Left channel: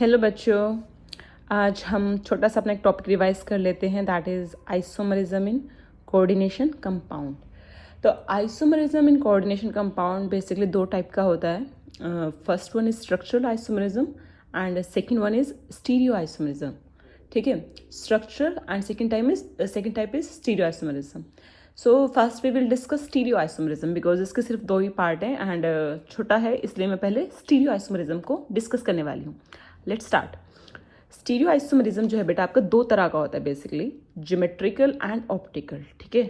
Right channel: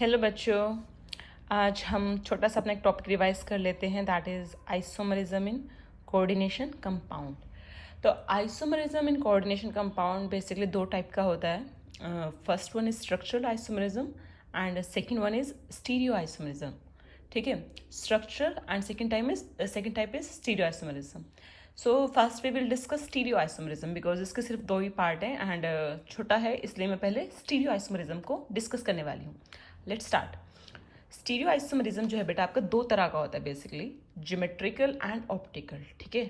Hello बच्चों। आज हम छोटा सा अपना एक टॉपिक रिवाइज कर लेते हैं, that is isomerism in coordination compound. तो isomerism in coordination compound basically दो टाइप का होता है। First one is structural isomerism and second one is stereo isomerism. ठीक है, structural and second type is stereo isomerism. So first we will discuss stereo isomerism because इसके सिर्फ दो ही part हैं एंड छोटा है, इसलिए मैं पहले स्टीरियो आइसोमरिज्म को डिस्कस करने वाली हूँ। Let's start. स्टीरियो आइसोमरिज्म जो है बेटा आपका दो तरह का होता है बेसिकली, ज्योमेट्रिकल एंड ऑप्टिकल। ठीक है,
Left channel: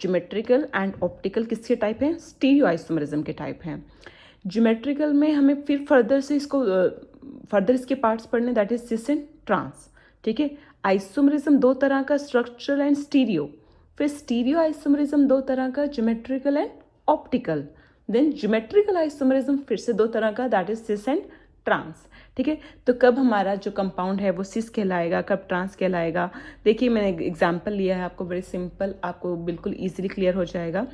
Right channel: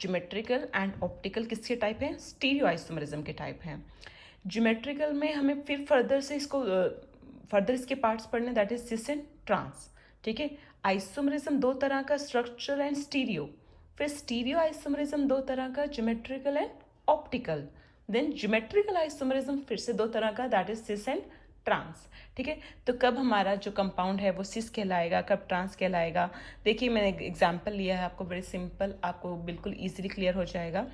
ज्योमेट्रिकल एंड ऑप्टिकल किसके टाइप हैं? स्टीरियो आइसोमरिज्म के टाइप हैं। ज्योमेट्रिकल में हमें फिर फर्दर इसके पार्ट्स पढ़ने, that is cis and trans. ठीक है, आइसोमरिज्म दो तरह का, स्ट्रक्चरल एंड स्टीरियो। फिर स्टीरियो आइसोमरिज्म दो तरह का, geometrical and optical. Then geometrical isomerism फिर से दो तरह का, that is cis and trans. ठीक है, तो कब हमारा जो कंपाउंड है वो सिस कहलाएगा, कब ट्रांस कहलाएगा? देखिए मैंने एग्जांपल लिया है आपको, वेरी सिंपल, आपको बिल्कुल इजीली क्लियर हो जाएगा।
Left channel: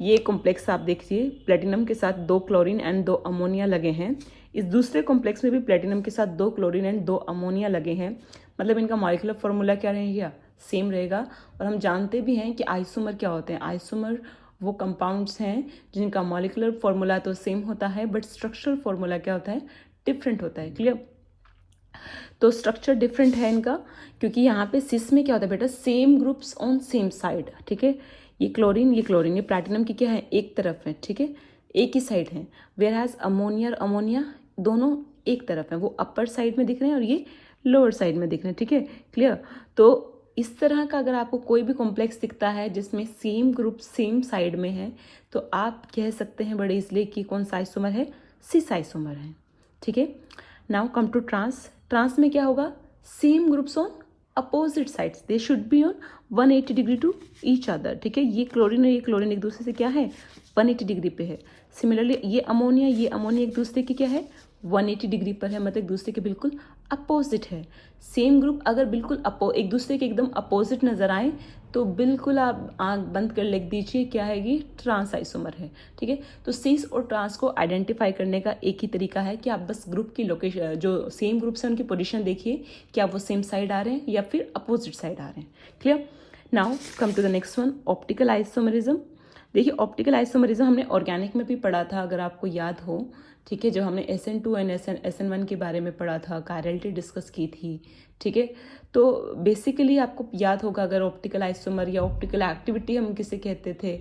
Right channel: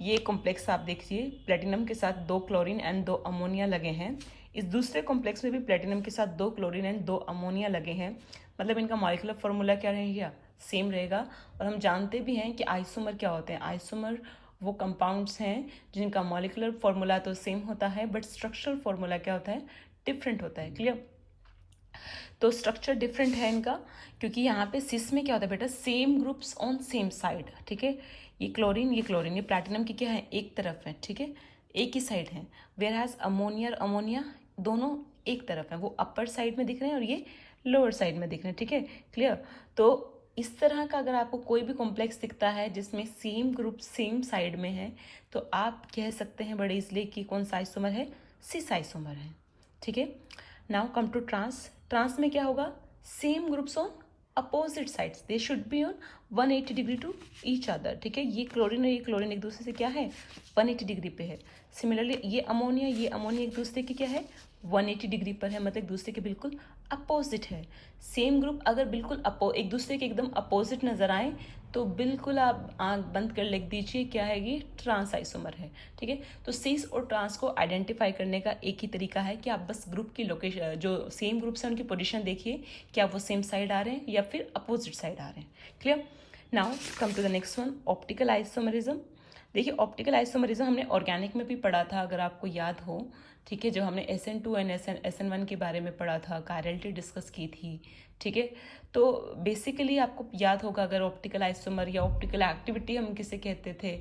ये कॉम्प्लेक्स आप देखिए, प्लेटिनम के साथ 2 क्लोरीन एंड 2 अमोनिया लगे हैं। इस दूसरे कॉम्प्लेक्स में भी प्लेटिनम के साथ 2 क्लोरीन एंड 2 अमोनिया लगे हैं। मतलब इनका मॉलिक्यूलर फॉर्मूला क्या रहेगा? सेम रहेगा। और हम जानते भी हैं कि आइसोमर क्या होते हैं। आइसोमर वो कंपाउंड्स हैं जिनका मॉलिक्यूलर फॉर्मूला तो सेम होता है बट स्ट्रक्चरल फॉर्मूला क्या होता है? डिफरेंट होता है। क्लियर? तो स्ट्रक्चर डिफरेंट है इनका, क्योंकि यहाँ पे सिस में क्या होता है बेटा? Same groups on same side. ठीक है, ये क्लोरीन ये प्लैटिनम की क्या है? एक तरफ है। ठीक है, एक ही साइड है। वेयर एज अमोनिया और अमोनिया दोनों एक तरफ है, वो अपर साइड में दिख रहे हैं और ये लोअर साइड में दिख रहे हैं। ठीक है, क्लियर? तो इस तरह का अगर आपको कोई भी कॉम्प्लेक्स दिखता है जिसमें सेम ग्रुप सेम साइड में है, तो आप कह सकते हैं बड़े इसलिए कि कौन सा आइसोमर है? सिस आइसोमर है। ठीक है, now come to trans. Trans में क्या होगा? Same groups on opposite sides, they should be on 180 degree to each other. ठीक है, ये क्लोरीन और ये क्लोरीन एक दूसरे से क्या है? 180 डिग्री पे है। सिमिलरली ये अमोनिया एक दूसरे की क्या है? 180 डिग्री पर है, मतलब एक दूसरे के बिल्कुल अपोजिट है। सेम ग्रुप अगर बिल्कुल एक दूसरे के एकदम अपोजिट नजर आए तो बिल्कुल आप आंख बंद कर लिख दीजिए क्या है? ये ट्रांस आइसोमर है। ठीक है, तो सिस और ट्रांस को आइडेंटिफाई करने का एक ही तरीका है कि आप बस ग्रुप की लोकेशन, जो सेम ग्रुप्स है उनकी पोजीशन देखिए, क्या वो सेम साइड आ रहे हैं या फिर अपोजिट साइड आ रहे हैं। Clear? Now come to the next one, optical isomerism. देखिए ऑप्टिकल आइसोमरिज्म हमने ऑर्गेनिक में भी पढ़ा था, अगर आपको याद हो। ठीक है, जब हमने SN2 एंड SN1 के बारे में पढ़ा था, कायरलिटी डिस्कस की थी। ठीक है, तो बेसिकली आपको याद होगा, अगर ऑप्टिकल आइसोमर या ऑप्टिकल एक्टिविटी हम किसे कहते थे,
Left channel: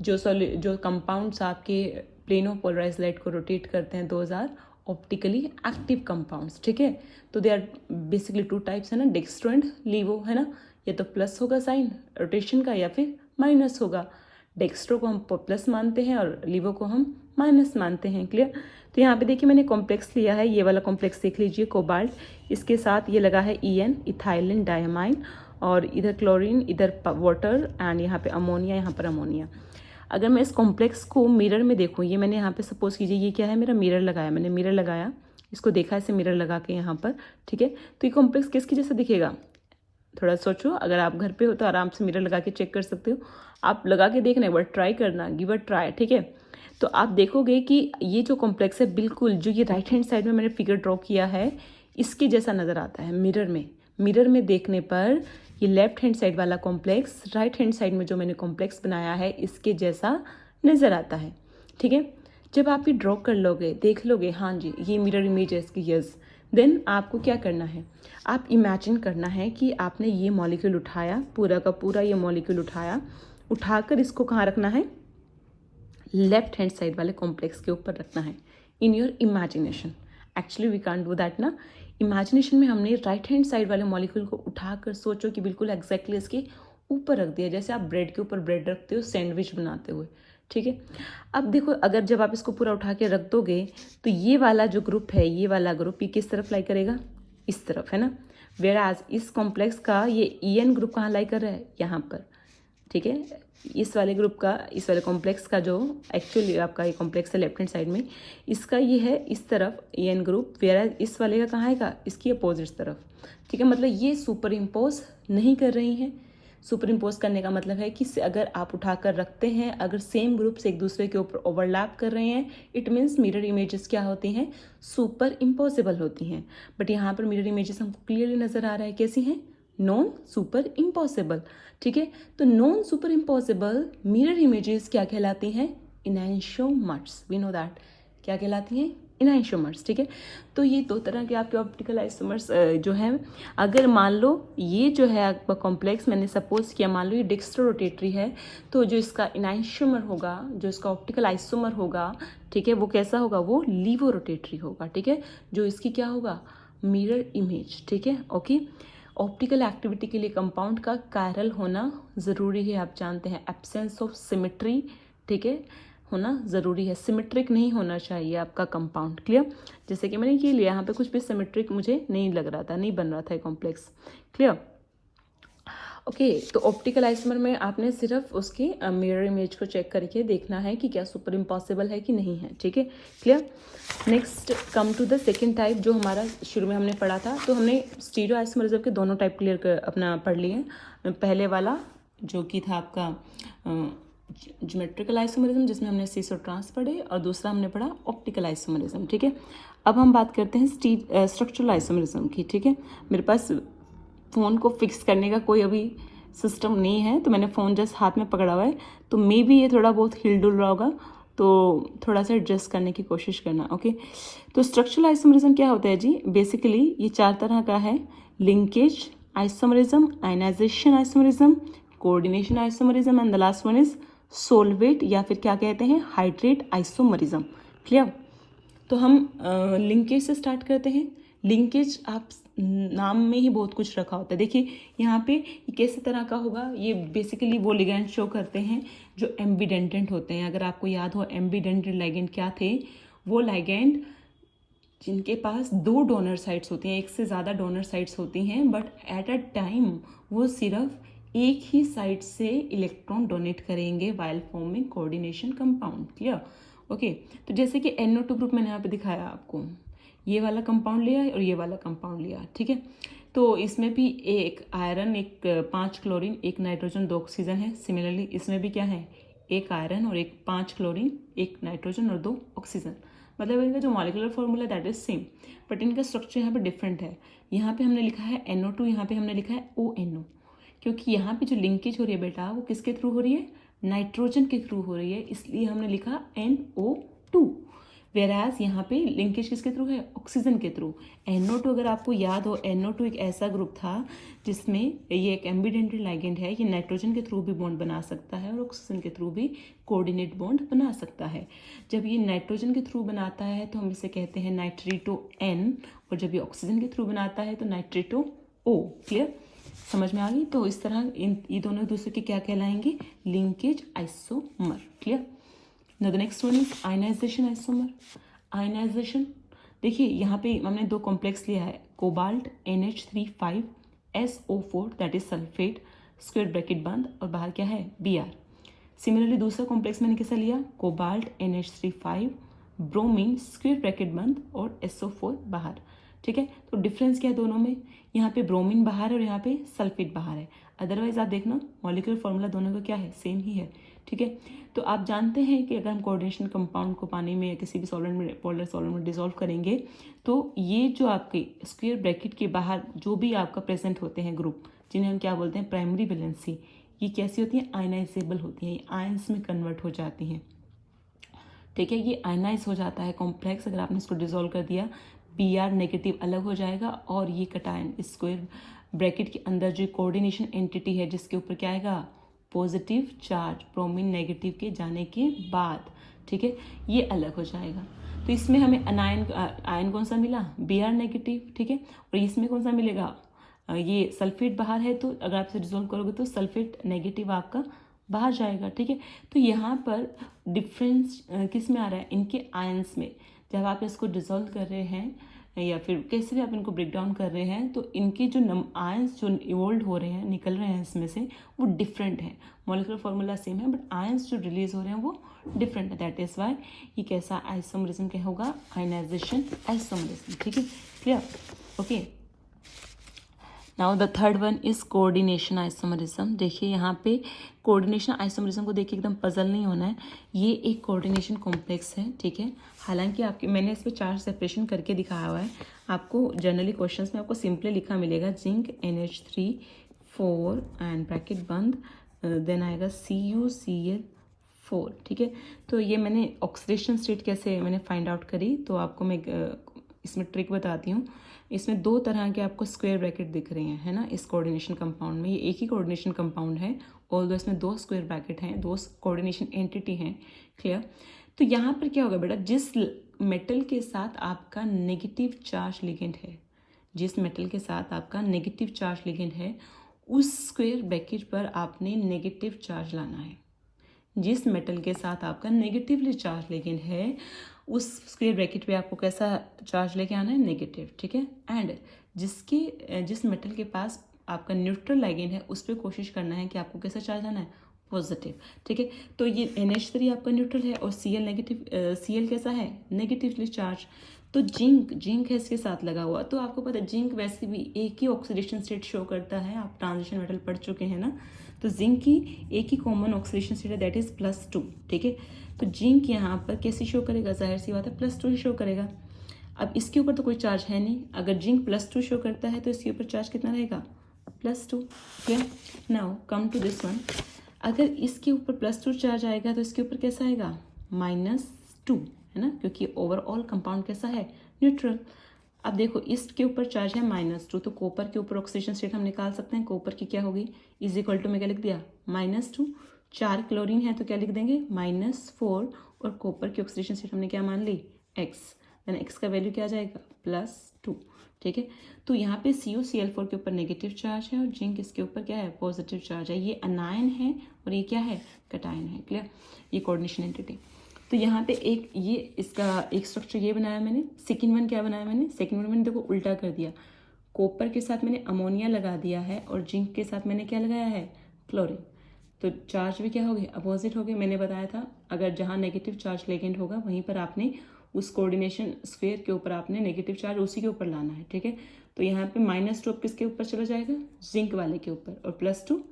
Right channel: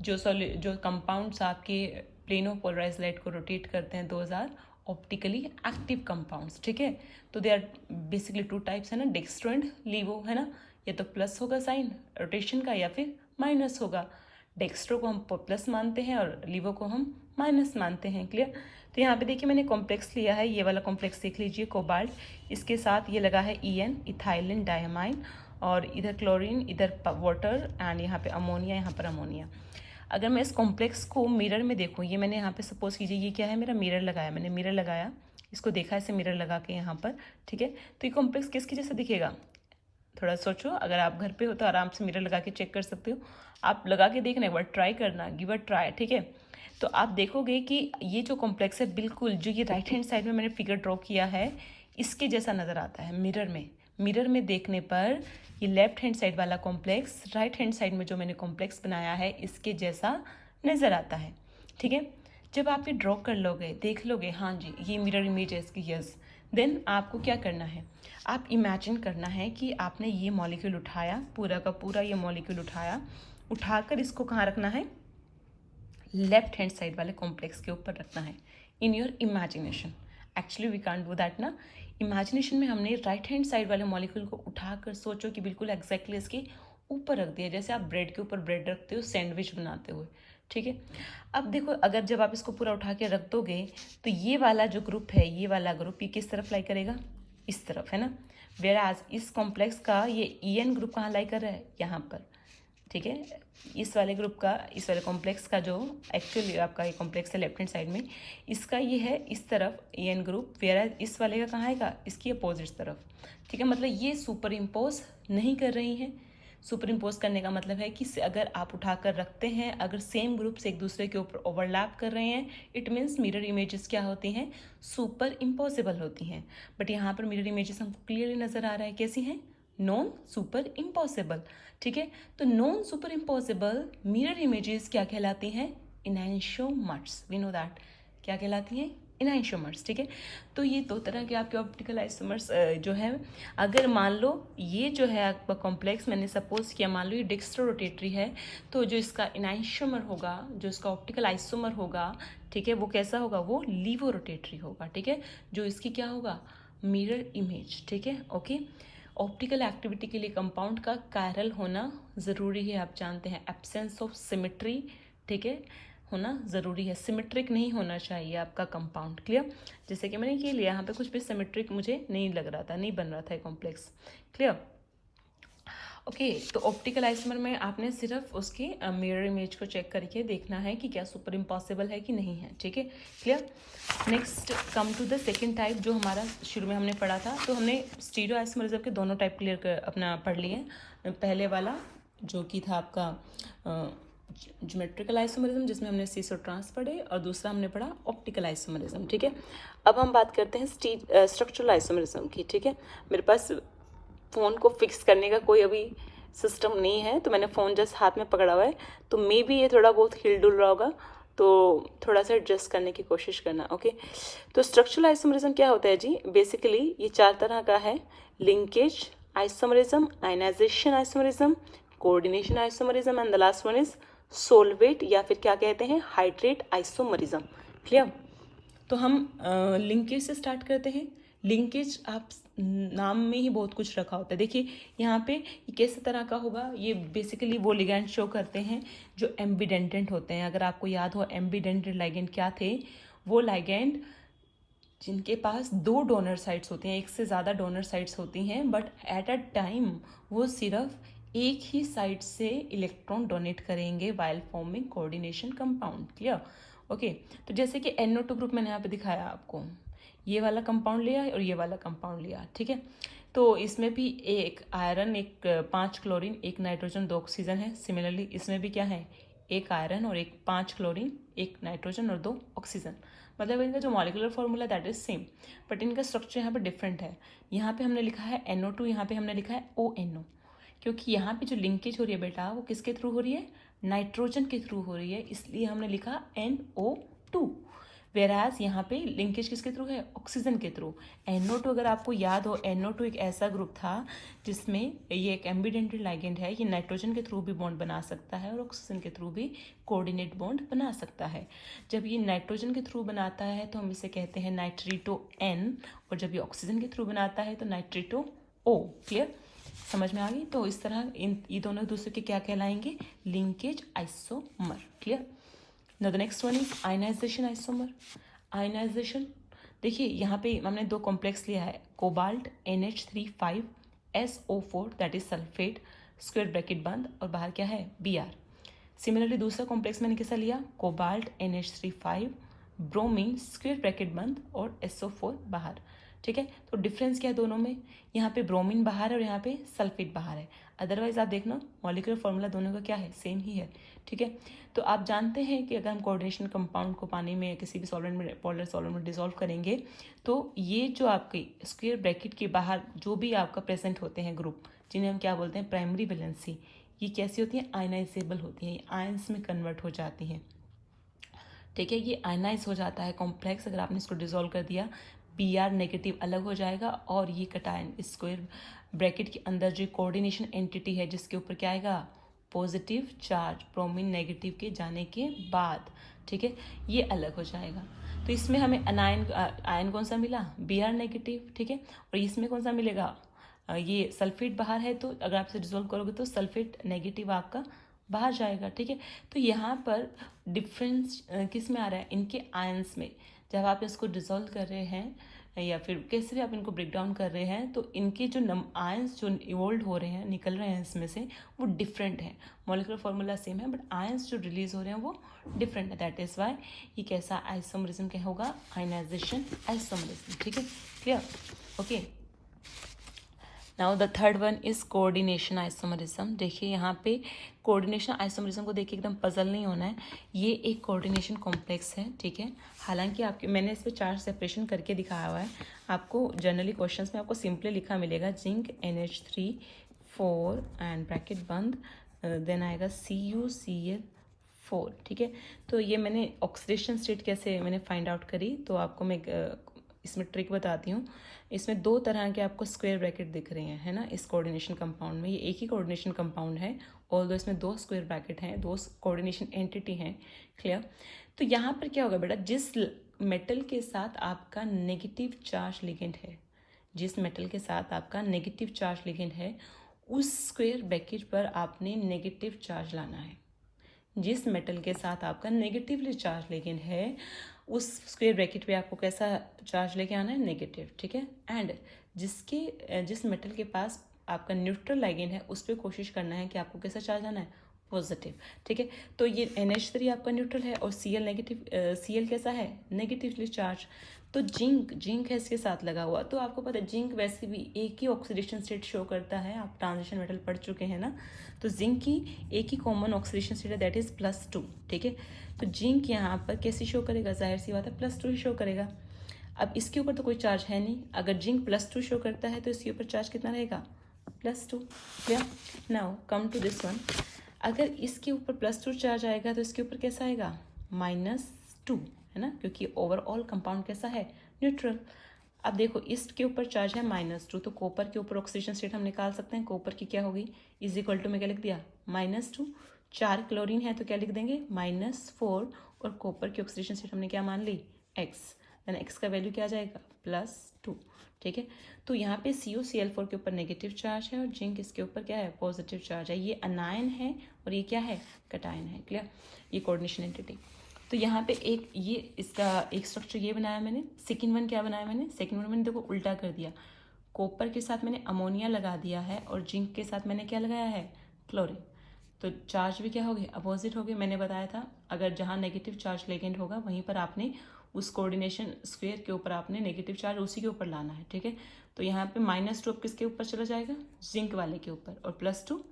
जो कंपाउंड्स आपके प्लेन ऑफ पोलराइज्ड लाइट को रोटेट करते हैं, those are optically active compounds. ठीक है, तो दे आर बेसिकली 2 टाइप्स है ना, डेक्स्ट्रो एंड लीवो, है ना। या तो प्लस होगा साइन रोटेशन का या फिर माइनस होगा। डेक्स्ट्रो को हम प्लस मानते हैं और लीवो को हम माइनस मानते हैं। क्लियर? तो यहाँ पे देखिए मैंने कॉम्प्लेक्स लिया है, ये वाला कॉम्प्लेक्स देख लीजिए, कोबाल्ट, इसके साथ ये लगा है EN, इथाइलिन डायमाइन, और इधर क्लोरीन, इधर वाटर, एंड यहाँ पे अमोनिया, यहाँ पर अमोनिया। अगर मैं इस कॉम्प्लेक्स को मिरर में देखूँ, ये मैंने यहाँ पे सपोज कीजिए ये क्या है? मेरा मिरर लगाया, मैंने मिरर लगाया, इसको देखा ऐसे मिरर लगा के यहाँ पर। ठीक है, तो ये कॉम्प्लेक्स किसकी जैसा दिखेगा? थोड़ा सोचो, अगर आप घर पे हो तो आराम से मिरर लगा के चेक कर सकते हो। आप लगा के देखना, एक बार ट्राई करना, गिव अ ट्राई। ठीक है, तो आप देखोगे कि ये जो कॉम्प्लेक्स है बिल्कुल जो ये राइट हैंड साइड में मैंने फिगर ड्रॉ किया है इसके जैसा नज़र आता है मिरर में। मिरर में देखने पर ये लेफ्ट हैंड साइड वाला कॉम्प्लेक्स राइट हैंड साइड में जो मैंने कॉम्प्लेक्स बनाया है इसके जैसा नज़र आता है। ठीक है, जब आप ये ड्रॉ कर लोगे, देख लोगे, हाँ जी ये मिरर इमेज है इसकी, यस, देन आपको क्या करना है? आप इमेजिन करना है कि आपने ये मॉलिक्यूल उठाया, पूरा का पूरा ये मॉलिक्यूल उठाया, उठाकर इसको कहाँ रखना है? लेफ्ट हैंड साइड वाले कॉम्प्लेक्स के ऊपर रखना है, in your imagination. Actually we can't do that ना। इमेजिनेशन में हमने राइट हैंड साइड वाले मॉलिक्यूल को उठाकर सोचो कि बिल्कुल एग्जैक्टली इसके ऊपर रख दिया, जैसे आप ब्रेड के ऊपर ब्रेड रखते हो सैंडविच बनाते हुए। ठीक है, अब देखो अगर जब आप इसको पूरा उठा के रख दोगे तो ये वाला जो ग्रुप है, ये वाला ग्रुप ये किस तरफ लाई करेगा? इस तरफ, है ना। वेयर एज इस कॉम्प्लेक्स का ये EN ग्रुप कहाँ लाई कर रहा है? यहाँ पर। ठीक है, इस वाले ग्रुप का, इस वाले कॉम्प्लेक्स का जो एक्चुअली आपका ये कॉम्प्लेक्स है लेफ्ट हैंड साइड में, इसका ये है इस तरफ EN ग्रुप, वेयर एज इस वाले का कहाँ आएगा? इसकी अपोजिट तरफ। ठीक है, मतलब ये सुपर इम्पोज नहीं कर रही हैं। सुपर इम्पोज करने का मतलब है कि अगर आप उठाकर रखते हैं, अगर सेम ग्रुप्स एक दूसरे के ऊपर ओवरलैप कर रहे हैं, इट मीन्स मिरर इमेजेस क्या होती हैं, सुपर इम्पॉसिबल होती हैं। बट यहाँ पर मिरर इमेजेस हमको क्लियरली नजर आ रहा है कैसी हैं, नॉन सुपर इम्पॉसिबल। ठीक है, तो non super impossible mirror images क्या कहलाती हैं, इनैंशियोमर्स। वी नो दैट क्या कहलाती हैं, इनैंशियोमर्स। ठीक है, तो ये दो तरह के आपके ऑप्टिकल आइसोमर्स जो है, अगर मान लो ये जो है आपका कॉम्प्लेक्स, मैंने सपोज किया मान लो ये डेक्स्ट्रो रोटेटरी है, तो जो इसका इनैंशियोमर होगा, जो इसका ऑप्टिकल आइसोमर होगा, ठीक है, वो कैसा होगा, वो लीवो रोटेटरी होगा। ठीक है, जो इसकी क्या होगा, मिरर इमेज। ठीक है, ओके। ऑप्टिकल एक्टिविटी के लिए कंपाउंड का कायरल होना ज़रूरी है, आप जानते हैं, एब्सेंस ऑफ सिमेट्री, ठीक है, होना ज़रूरी है। सिमेट्रिक नहीं होना चाहिए आपका कंपाउंड। क्लियर, जैसे कि मैंने ये लिया, यहाँ पे कुछ भी सिमेट्रिक मुझे नहीं लग रहा था, नहीं बन रहा था कॉम्प्लेक्स। Clear, okay. तो ऑप्टिकल आइसोमर में आपने सिर्फ उसकी मिरर इमेज को चेक करके देखना है कि क्या सुपर इम्पॉसिबल है कि नहीं है। ठीक है, clear. Next come to the second type, जो हमारा शुरू में हमने पढ़ा था। तो हमने स्टीरियो आइसोमरिज्म के दोनों टाइप क्लियर कर अपना पढ़ लिए। पहले वाला जो कि था आपका ज्योमेट्रिकल आइसोमरिज्म, जिसमें हमने सीस और ट्रांस पढ़े, और दूसरा हमने पढ़ा ऑप्टिकल आइसोमरिज्म। ठीक है, अब हम बात करते हैं स्ट्रक्चरल आइसोमरिज्म की। ठीक है, मेरे पास फ़ोन को फिक्स करने का कोई अभी सिस्टम नहीं है, तो मैंने फ़ोन जस्ट हाथ में पकड़ा हुआ है, तो मे बी ये थोड़ा बहुत हिल डुल रहा होगा, तो थोड़ा सा एडजस्ट करने की कोशिश करना। ओके, तो स्ट्रक्चरल आइसोमरिज्म क्या होता है जी, बेसिकली ये 4 तरह का है, linkage isomerism, ionization isomerism, coordination isomerism, and the last one is solvate या फिर क्या कहते हैं, हाइड्रेट आइसोमरिज्म। क्लियर, तो हम लिंकेज से स्टार्ट करते हैं। लिंकेज आप नाम में ही बहुत कुछ रखा होता है। देखिए यहाँ पे ये किस तरह का होगा, ये बेसिकली वो लिगैंड शो करते हैं जो एम्बीडेंटेंट होते हैं। अगर आपको याद हो एम्बीडेंटेंट लिगैंड क्या थे, वो लिगैंड जिनके पास 2 डोनर साइट्स होती हैं, एक से ज़्यादा डोनर साइट्स होती हैं, बट एट अ टाइम वो सिर्फ एक ही साइड से इलेक्ट्रॉन डोनेट करेंगे while forming coordination compound. Clear, okay. तो जैसे कि NO2 ग्रुप मैंने यहाँ पे दिखाया आपको, ये वाला कंपाउंड लिया और ये वाला कंपाउंड लिया। ठीक है, तो इसमें भी एक आयरन, एक 5 क्लोरीन, एक नाइट्रोजन, 2 ऑक्सीजन है। सिमिलरली इसमें भी क्या है, एक आयरन और एक 5 क्लोरीन, एक नाइट्रोजन और 2 ऑक्सीजन। मतलब इनका जो molecular formula that is same, but इनका स्ट्रक्चर यहाँ पे डिफरेंट है। यहाँ पे हमने लिखा है NO2, यहाँ पे हमने लिखा है ONO, क्योंकि यहाँ पे जो लिंकेज हो रही है बेटा, वो किसके थ्रू हो रही है, नाइट्रोजन के थ्रू हो रही है, इसलिए हमने लिखा NO2। वेराज यहाँ पे लिंकेज किसके थ्रू है, ऑक्सीजन के थ्रू। NO2 अगर आपको याद हो, NO2 एक ऐसा ग्रुप था जिसमें ये एक एम्बीडेंटेड लिगैंड है, ये नाइट्रोजन के थ्रू भी बॉन्ड बना सकता है और ऑक्सीजन के थ्रू भी कोऑर्डिनेट बॉन्ड बना सकता है। जब ये नाइट्रोजन के थ्रू बनाता है तो हम इसे कहते हैं नाइट्रेटो N, और जब ये ऑक्सीजन के थ्रू बनाता है तो नाइट्रेटो O। क्लियर, समझ में आ गई। तो इस तरह ये दोनों एक दूसरे के क्या कहलाएंगे, linkage isomer. Clear, now the next one is ionization isomer। ionization, देखिए यहाँ पे हमने 2 कॉम्प्लेक्स लिया है, cobalt NH3 5SO4 that is sulphate, square bracket बंद, और बाहर क्या है, Br। सिमिलरली दूसरा कॉम्प्लेक्स मैंने कैसा लिया, cobalt NH3 5 bromine, square bracket बंद, और SO4 बाहर। ठीक है, तो डिफरेंस क्या है दोनों में, यहाँ पे ब्रोमीन बाहर है और यहाँ पे सल्फेट बाहर है। अदरवाइज आप देखना मॉलिक्यूलर फॉर्मूला दोनों का क्या है, सेम ही है। ठीक है, तो आप जानते हैं कि अगर हम कोऑर्डिनेशन कंपाउंड को पानी में किसी भी सॉल्वेंट में, पोलर सॉल्वेंट में डिसॉल्व करेंगे, तो ये जो आपके स्क्वायर ब्रैकेट के बाहर जो भी आपका प्रेजेंट होते हैं ग्रुप, जिन्हें हम क्या बोलते हैं, प्राइमरी वैलेंसी, ये कैसी होती है, आयनाइजेबल होती हैं, आयंस में कन्वर्ट हो जाती हैं। ठीक है, ये आयनाइज हो जाता है कॉम्प्लेक्स, अगर आपने इसको डिसॉल्व कर दिया, Br नेगेटिव अलग हो जाएगा, और ये कटायन स्क्वायर ब्रैकेट के अंदर जो कोऑर्डिनेशन एंटिटी है जिसके ऊपर क्या आएगा, पॉजिटिव चार्ज, ब्रोमीन नेगेटिव के जाने के बाद, ठीक है, ये अलग हो जाएगा। तो इसमें हमें आयन कौन सा मिला, Br नेगेटिव। ठीक है, और इसमें कौन सा मिलेगा, ये सल्फेट बाहर है, तो अगर आप इसे डिसॉल्व करोगे तो सल्फेट नेगेटिव आपका बाहर जाएगा। ठीक है, तो यहाँ पर डिफरेंस किस में आ रहा है, इनके आयंस में। जब आप इसको डिसॉल्व कर रहे हैं या फिर कैसे भी आप इनको ब्रेक डाउन कर रहे हैं, तो इनके जो आयंस जो इवोल्व हो रहे हैं, निकल रहे हैं इसमें से, वो डिफरेंट है। मॉलिक्यूलर फॉर्मूला सेम है, बट आयंस जो रिलीज हो रहे हैं वो डिफरेंट है। दैट इज वाई ये कैसा आइसोमरिज्म क्या होगा, आयनाइजेशन आइसोमरिज्म। ठीक है, clear, okay. Now the third one is coordination isomerism. देखिए यहाँ पे कोऑर्डिनेशन आइसोमरिज्म को देखिए एकदम पजल नहीं होना है, ये एक कोऑर्डिनेशन कॉम्प्लेक्स है, ठीक है। हालांकि आपके मैंने इसमें 4 सेपरेशन करके दिखाया हुआ है, आपको जनरली क्वेश्चंस में आपको सिंपली लिखा मिलेगा जिंक NH3 4 एंड ब्रैकेट बंद, देन आएगा CuCl4, ठीक है। तो ये मैंने ऑक्सीडेशन स्टेट कैसे मैंने फाइंड आउट करी, तो आपको मैं इसमें ट्रिक बताती हूँ। इसमें 2 तरह के आपको स्क्वायर ब्रैकेट दिख रहे हैं, है ना, इस कोऑर्डिनेशन कंपाउंड में। ये एक ही कोऑर्डिनेशन कंपाउंड है और इसमें 2 स्क्वायर ब्रैकेट हैं, 2 कोऑर्डिनेशन एंटिटी हैं, क्लियर। तो यहाँ पर क्या होगा बेटा, जिस मेटल के साथ आपका नेगेटिव चार्ज लिगेंड है, जिस मेटल के साथ आपका नेगेटिव चार्ज लिगेंड है, उस स्क्वायर ब्रैकेट पर आपने नेगेटिव चार्ज लाना है। जिस मेटल के साथ आपका नेगेटिवली चार्ज लिगेंड है, उस स्क्वायर ब्रैकेट पे आपको कैसा चार्ज लेके आना है, नेगेटिव, ठीक है। एंड जिस मेटल के पास आपका न्यूट्रल लिगेंड है, उस पर कोशिश करना है कि आपको कैसा चार्ज आना है, पॉजिटिव, ठीक है। तो ये NH3 आपका न्यूट्रल है और Cl कैसा है, नेगेटिवली चार्ज। तो जिंक है इसके साथ लगा हुआ, तो आपको पता है जिंक वैसे भी एक ही ऑक्सीडेशन स्टेट शो करता है, आप ट्रांजिशन मेटल पढ़ चुके हैं ना। तो जिंक की एक ही कॉमन ऑक्सीडेशन स्टेट है, दैट इज +2, ठीक है। तो जिंक यहाँ पर कैसे शो करेगा, जाहिर सी बात है +2 ही शो करेगा। अब इसके ऊपर तो कोई चार्ज है नहीं, अगर जिंक +2 शो करता है तो इसके ऊपर चार्ज कितना रहेगा, +2, ठीक है। Now come to this one, अगर इसके ऊपर +2 चार्ज आएगा तो इसके ऊपर कैसा आएगा, -2, है ना, क्योंकि ओवरऑल कंपाउंड कैसा है, न्यूट्रल। अब देखो इसके ऊपर चार्ज है -2, तो कॉपर के ऊपर ऑक्सीडेशन स्टेट हम निकाल सकते हैं। कॉपर की क्या होगी, इज इक्वल टू में क्या लिख दिया, -2, 4 क्लोरीन है तो क्या लिख देंगे, -4, और कॉपर की ऑक्सीडेशन स्टेट हमने क्या मान ली, X, देन X का वैल्यू क्या आ जाएगा, +2, ठीक है। तो यहाँ पे CuCl4 के ऊपर नेगेटिव चार्ज है और जिंक इसके ऊपर क्या है, पॉजिटिव चार्ज है। ये अनायन है और ये क्या है, कैटायन है, क्लियर। ये कोऑर्डिनेशन एंटिटी। तो यहाँ पे एक ये इसका एक स्ट्रक्चर ये बनाया मैंने। सेकंड वन क्या बनाया मैंने, सेकंड वन मैंने देखो उल्टा कर दिया, कॉपर के साथ मैंने अमोनिया लगा दिया है और जिंक के साथ मैंने क्या लगाया है, क्लोरीन। तो चार्ज भी क्या हो गए, अपोजिट हो गए। मैंने बताया था अगर जहाँ नेगेटिव चार्ज लेगेंड होगा वहीं पर आपने उस कोऑर्डिनेशन स्क्वायर के ऊपर आपने नेगेटिव चार्ज उसी के ऊपर लाना है, ठीक है। तो यहाँ पे -2 अब किसके ऊपर चला जाएगा, जिंक वाले के ऊपर, और +2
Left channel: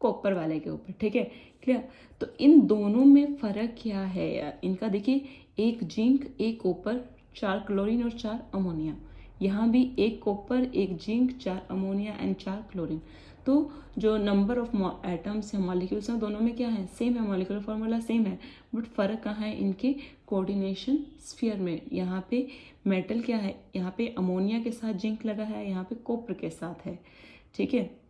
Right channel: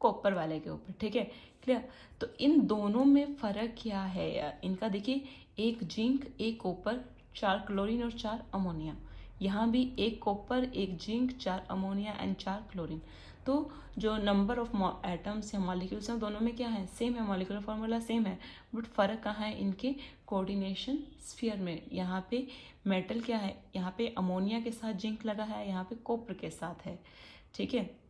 कॉपर वाले के ऊपर, ठीक है, क्लियर। तो इन दोनों में फर्क क्या है यार, इनका देखिए, एक जिंक एक कॉपर 4 क्लोरीन और 4 अमोनिया, यहाँ भी एक कॉपर एक जिंक 4 अमोनिया एंड 4 क्लोरीन। तो जो नंबर ऑफ एटम्स या मॉलिक्यूल्स हैं दोनों में क्या है, सेम है, मॉलिक्यूलर फॉर्मूला सेम है, बट फर्क कहाँ है, इनके कोऑर्डिनेशन स्फीयर में। यहाँ पे मेटल क्या है, यहाँ पे अमोनिया के साथ जिंक लगा है, यहाँ पे कॉपर के साथ है, ठीक है।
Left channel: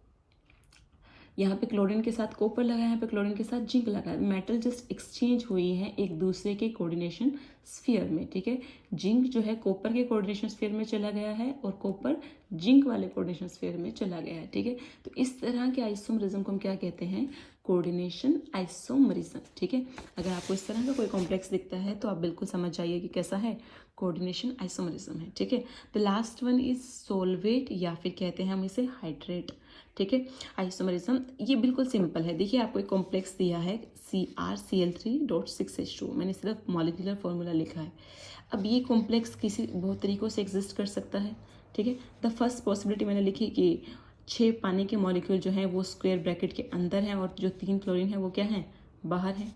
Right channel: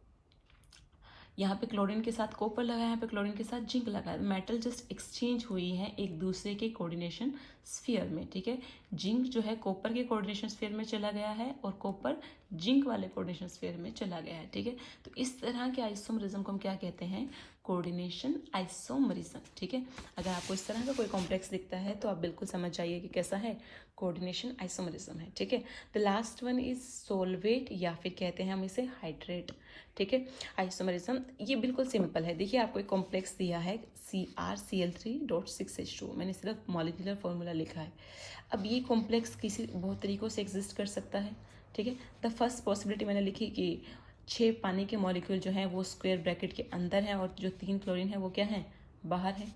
यहाँ पे क्लोरीन के साथ कॉपर लगा है, यहाँ पे क्लोरीन के साथ जिंक लगा है। मेटल जस्ट एक्सचेंज हुई है एक दूसरे के कोऑर्डिनेशन स्फीयर में, ठीक है। जिंक जो है कॉपर के कोऑर्डिनेशन स्फीयर में चला गया है और कॉपर जिंक वाले कोऑर्डिनेशन स्फीयर में चला गया है, ठीक है। तो इस तरह के आइसोमरिज्म को हम क्या कहते हैं, कोऑर्डिनेशन आइसोमरिज्म, ठीक है। अगर आपको इस तरह का कोई कॉम्प्लेक्स दिखता है तो आप बिल्कुल समझ जाइए कि कैसा है, कोऑर्डिनेशन आइसोमरिज्म है, ठीक है। The last one is solvate या फिर कहते हैं हम इसे हाइड्रेट, ठीक है। आइसोमरिज्म ये बिल्कुल सिंपल है। देखिए आपको एक कॉम्प्लेक्स दिया है CrCl3.6H2, मैंने सिर्फ मॉलिक्यूलर फॉर्मूला लिखा है। अब ये कॉम्प्लेक्स किसी बहुत तरीक़ों से एग्जिस्ट कर सकता है, ठीक है। द फर्स्ट पॉसिबिलिटी मैंने लिखी कि 6 पानी के मॉलिक्यूल जो है वो स्क्वायर ब्रैकेट के अंदर है और जो 3 क्लोरीन है वो क्या है, बाहर है।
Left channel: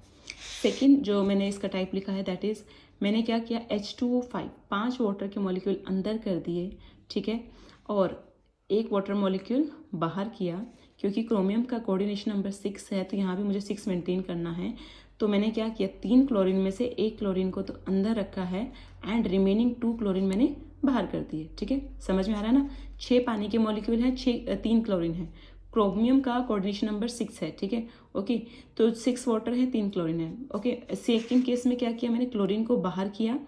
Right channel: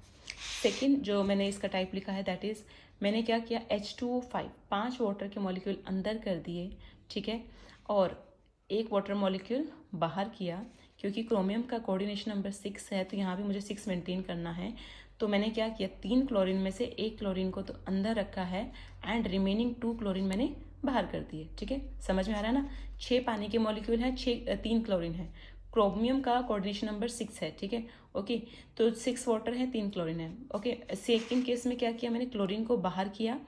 सेकेंड जो मैंने इसका टाइप लिखा है दैट इज मैंने क्या किया, H2O5 5 वाटर के मॉलिक्यूल अंदर कर दिए, ठीक है, और एक वाटर मॉलिक्यूल बाहर किया। क्योंकि क्रोमियम का कोऑर्डिनेशन नंबर 6 है तो यहाँ भी मुझे 6 मेंटेन करना है, तो मैंने क्या किया, 3 क्लोरीन में से 1 क्लोरीन को तो अंदर रखा है एंड रिमेनिंग 2 क्लोरीन मैंने बाहर कर दिए, ठीक है। समझ में आ रहा है ना, 6 पानी के मॉलिक्यूल हैं, 3 क्लोरीन है, क्रोमियम का कोऑर्डिनेशन नंबर 6 है, ठीक है, ओके। तो 6 वाटर है, 3 क्लोरीन है, ओके। सेकेंड केस में क्या किया, मैंने क्लोरीन को बाहर किया,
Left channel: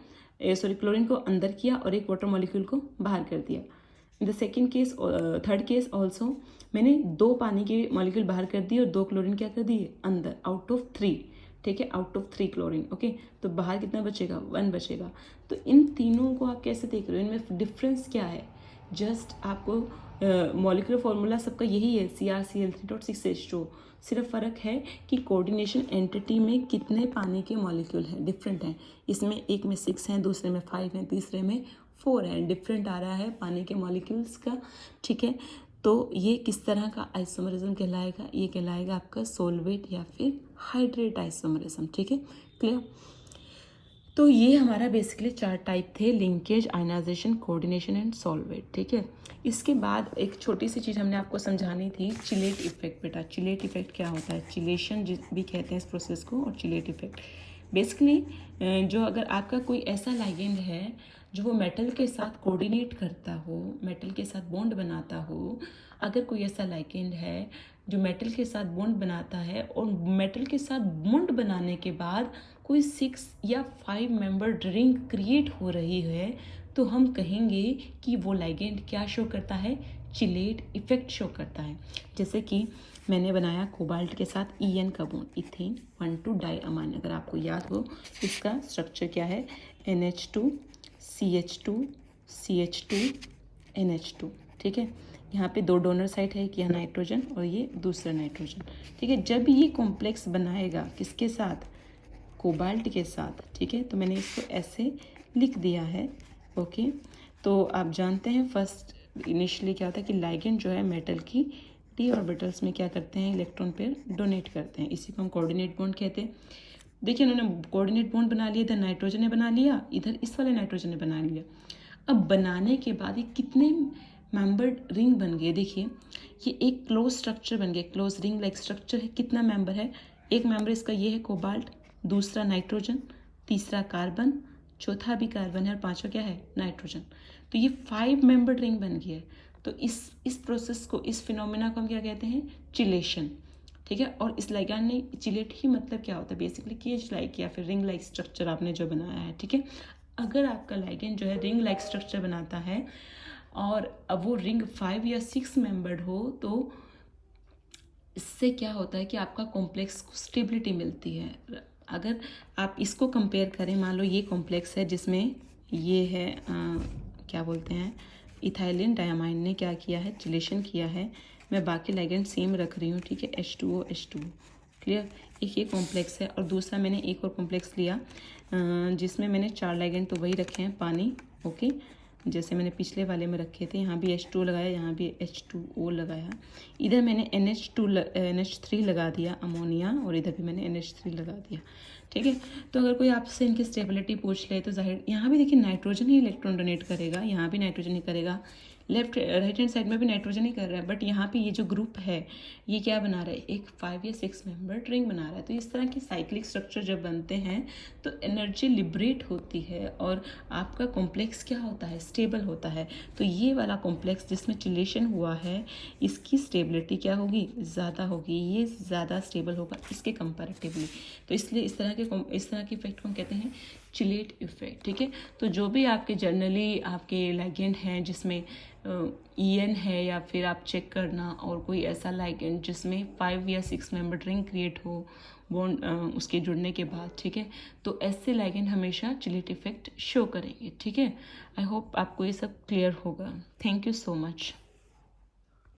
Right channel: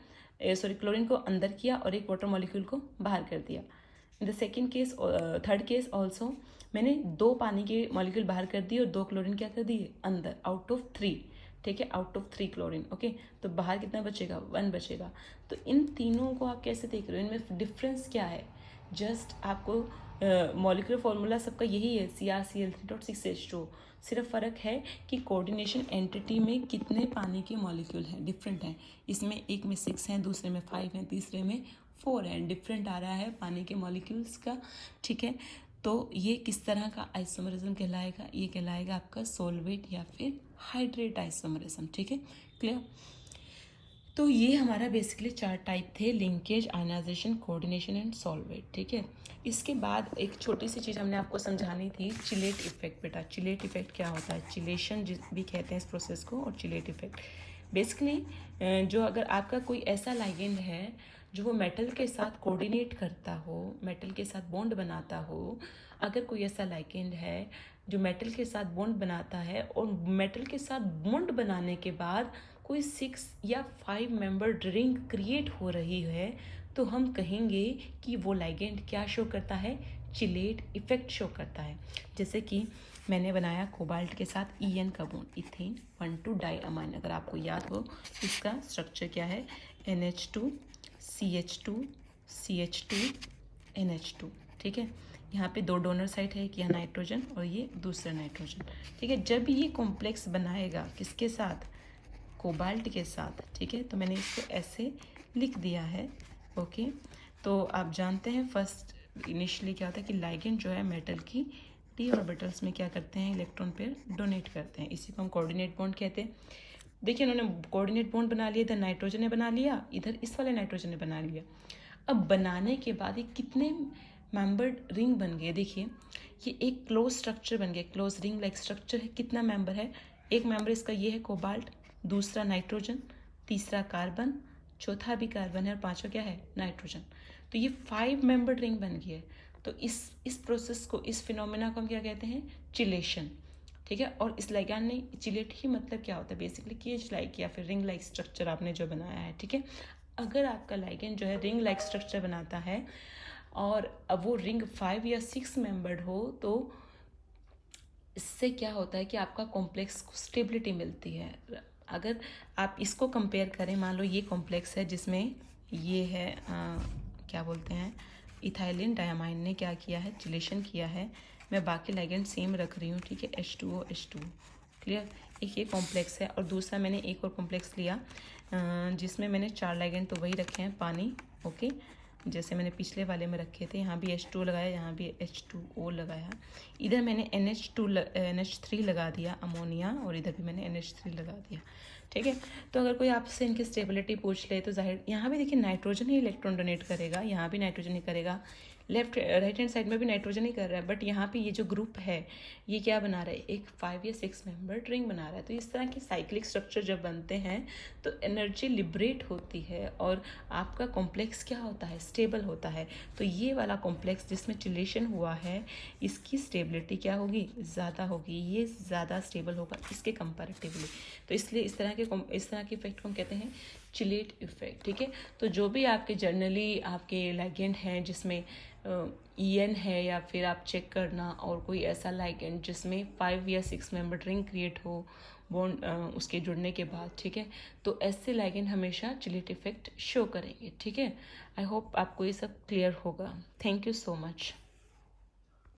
क्लोरीन को अंदर किया और एक वाटर मॉलिक्यूल को बाहर कर दिया। In the second case, third case also मैंने 2 पानी के मॉलिक्यूल बाहर कर दिए और 2 क्लोरीन क्या कर दिए अंदर, आउट ऑफ 3, ठीक है, आउट ऑफ 3 क्लोरीन, ओके। तो बाहर कितना बचेगा, 1 बचेगा। तो इन तीनों को आप कैसे देख रहे हो, इनमें डिफरेंस क्या है, जस्ट आपको मॉलिक्यूलर फॉर्मूला सबका यही है CrCl3.6H2, सिर्फ फ़र्क है कि कोऑर्डिनेशन एंटिटी में कितने पानी के मॉलिक्यूल हैं, डिफरेंट हैं। इसमें एक में 6 हैं, दूसरे में 5 हैं, तीसरे में 4 है, डिफरेंट आ रहा है पानी के मॉलिक्यूल्स का, ठीक है। तो ये किस तरह का आइसोमरिज्म कहलाएगा? ये कहलाएगा आपका सोलवेट या फिर हाइड्रेट आइसोमरिज्म, ठीक है, क्लियर। तो ये हमारा बेसिकली 4 टाइप थे, linkage, ionisation, coordination and solvate, ठीक है। इसके बाद एक छोटी सी चीज़ हमने आपको समझानी थी, चिलेट इफेक्ट। बेटा चिलेट इफेक्ट क्या होता है? चिलेशन भी कहते हैं इस प्रोसेस को, और चिलेट इफेक्ट बेसिकली जो अगर आपका कोई ऐसा लाइगेंड है जो वो मेटल के साथ कोऑर्डिनेट करता हो, मेटल के साथ बॉन्ड बनाता हो, अगर कोई ऐसा लाइगेंड है जो मेटल के साथ बॉन्ड बनाता है और मेटल के साथ बॉन्ड बनाने के बाद कोई 6 या 5 मेंबर्ड रिंग क्रिएट हो रही है, तो हम कहेंगे कि वो लाइगेंड क्या शो करता है? चिलेट इफेक्ट शो करता है। जैसे कि मैंने बनाया कोबाल्ट के साथ EN का बॉन्ड, इथेन 1,2 डाइअमाइन। अगर आपको याद हो इसका स्ट्रक्चर क्या है? NH2 CH2 CH2 NH2, ठीक है। यहाँ पे 2 डोनर साइट है, एक यहाँ नाइट्रोजन और ये दूसरा नाइट्रोजन, ठीक है। जब ये कॉम्प्लेक्स बनाएगा किसके साथ? कोबाल्ट के साथ, ठीक है। तो मैंने इसको ऐसे लिख दिया है, ओके। तो आप जानते हैं फर्स्ट इनिशियली क्या होता है कि लाइगेंड जो है मेटल की d ऑर्बिटल्स में क्या करते हैं? इलेक्ट्रॉन पेयर डोनेट करते हैं, इसी को हम कोऑर्डिनेट बॉन्ड कहते हैं। देखिए उन्होंने कोऑर्डिनेट बॉन्ड बना लिया, इधर नाइट्रोजन ने बना लिया, इधर इस वाले नाइट्रोजन ने बना लिया। अब बनाने के बाद ये कितने मेंबर्ड रिंग बन गए? देखिए ये एक क्लोज स्ट्रक्चर बन गया, क्लोज रिंग लाइक स्ट्रक्चर है। कितना मेंबर है? एक मेंबर इसका ये है कोबाल्ट, दूसरा नाइट्रोजन, तीसरा कार्बन, चौथा भी कार्बन है और पांचवा क्या है? नाइट्रोजन। तो ये 5 मेंबर्ड रिंग बन गई है। तो इस प्रोसेस को, इस फिनोमेना को हम क्या कहते हैं? चिलेशन, ठीक है। और इस लाइगैंड ने चिलेट ही मतलब क्या होता है? बेसिकली केज लाइक या फिर रिंग लाइक स्ट्रक्चर आपने जो बनाया है, ठीक है। अगर आपका लाइगैंड जो है रिंग लाइक स्ट्रक्चर बनाता है और अब वो रिंग 5 या 6 मेंबर्ड हो, तो इससे क्या होता है कि आपका कॉम्प्लेक्स को स्टेबिलिटी मिलती है। अगर आप इसको कंपेयर करें, मान लो ये कॉम्प्लेक्स है जिसमें ये है क्या बोलते हैं, इथाइलिन डायमाइन ने क्या किया है? चिलेशन किया है। मैं बाकी लाइगेंड सेम रख रही हूँ, ठीक है, H2O H2, क्लियर। एक ये कॉम्प्लेक्स है और दूसरा मैंने एक और कॉम्प्लेक्स लिया जिसमें मैंने 4 लाइगेंड तो वही रखे हैं, पानी, ओके, जैसे मैंने पिछले वाले में रखे थे। यहाँ भी H2 लगाया, यहाँ भी H2O लगाया, इधर मैंने NH3 लगा दिया, अमोनिया, और इधर भी मैंने NH3 लगा दिया, ठीक है। तो अगर कोई आपसे इनकी स्टेबिलिटी पूछ ले तो जाहिर यहाँ भी देखिए नाइट्रोजन ही इलेक्ट्रॉन डोनेट करेगा, यहाँ भी नाइट्रोजन ही करेगा, लेफ्ट राइट हैंड साइड में भी नाइट्रोजन ही कर रहा है। बट यहाँ पे ये जो ग्रुप है ये क्या बना रहा है? एक 5 या 6 मेंबर्ड रिंग बना रहा है। तो इस तरह की साइक्लिक स्ट्रक्चर जब बनते हैं तो एनर्जी लिबरेट होती है और आपका कॉम्प्लेक्स क्या होता है? स्टेबल होता है। तो ये वाला कॉम्प्लेक्स जिसमें चिलेशन हुआ है, इसकी स्टेबिलिटी क्या होगी? ज़्यादा होगी, ये ज़्यादा स्टेबल होगा इसके कंपैरेटिवली। तो इसलिए इस तरह के इफेक्ट को हम कहते हैं चिलेट इफेक्ट, ठीक है। तो जो भी आपके जनरली आपके लाइगेंड हैं जिसमें EN है, या फिर आप चेक करना और कोई ऐसा लाइगेंड जिसमें 5 या 6 मेंबर रिंग क्रिएट हो बॉन्ड उसके जुड़ने के बाद, ठीक है। तो ऐसे लाइगेंड हमेशा चिलेट इफेक्ट शो करेंगे, ठीक है। आई होप आपको ये सब क्लियर होगा। Thank you so much.